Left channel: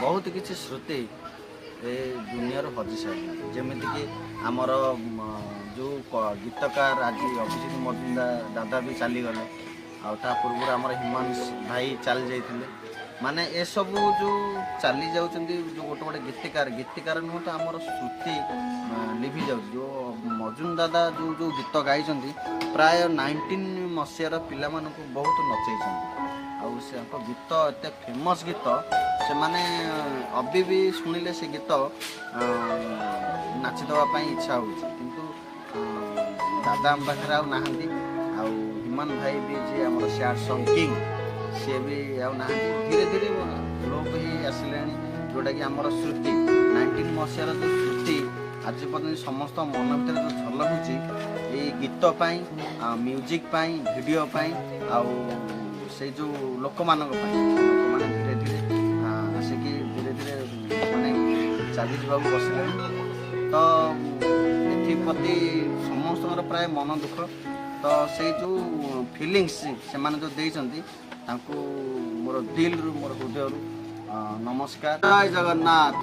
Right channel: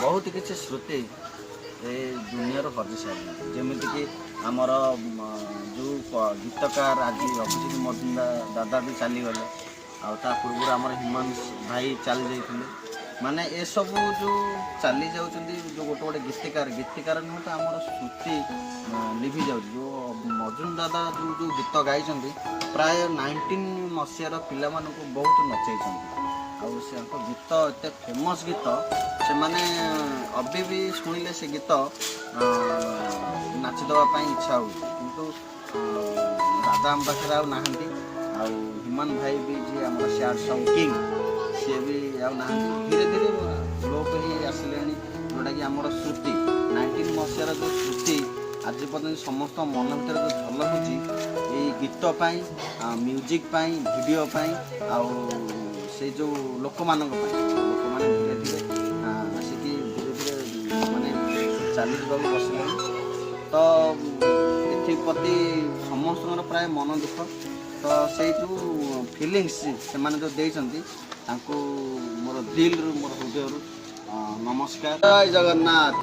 बहुत किसी श्रुति ए दुनिया हजि सारे जमीक आमर जो गीतकार आज अभिजीत मजुमदार दादा भी चलीगले आ पूर्व आम हिमांश भाई चली जाते माने ए सब जो चली जाऊँ जो गोटे गोटे गीतकार नुह तो आमर श्रुति लिभि जाऊँ जो मजुम दादा जो जो गीत गाई प्राय 19 मसीहार पिला बहुत नचई से गीत एत फेमस गीत से माने अभी भी शुणिले से गीत नाचिदेवाई इच्छा हो किंतु दादा आम पाखे आउ हिमान भाई भी जी आम सैड सॉन्ग किंग सी भी आना धीरे धीरे लोप ही आसिले जोटा कि आम श्रुति 19 मसीहार जो श्रुति आज पर्यटन समस्त मन भर जो झलकुची ये गीत म्यूजिक वीडियो से जो लोक मान धीरे धीरे आसिक धीरे धीरे माने चली जा बसले तो एप्रति समस्त प्राय मन दुख तो से जो फिलिंग्स से माने जो देइछंती तांको मोर दिल रु मोर हृदय रु नमस्कार जय जगन्नाथ।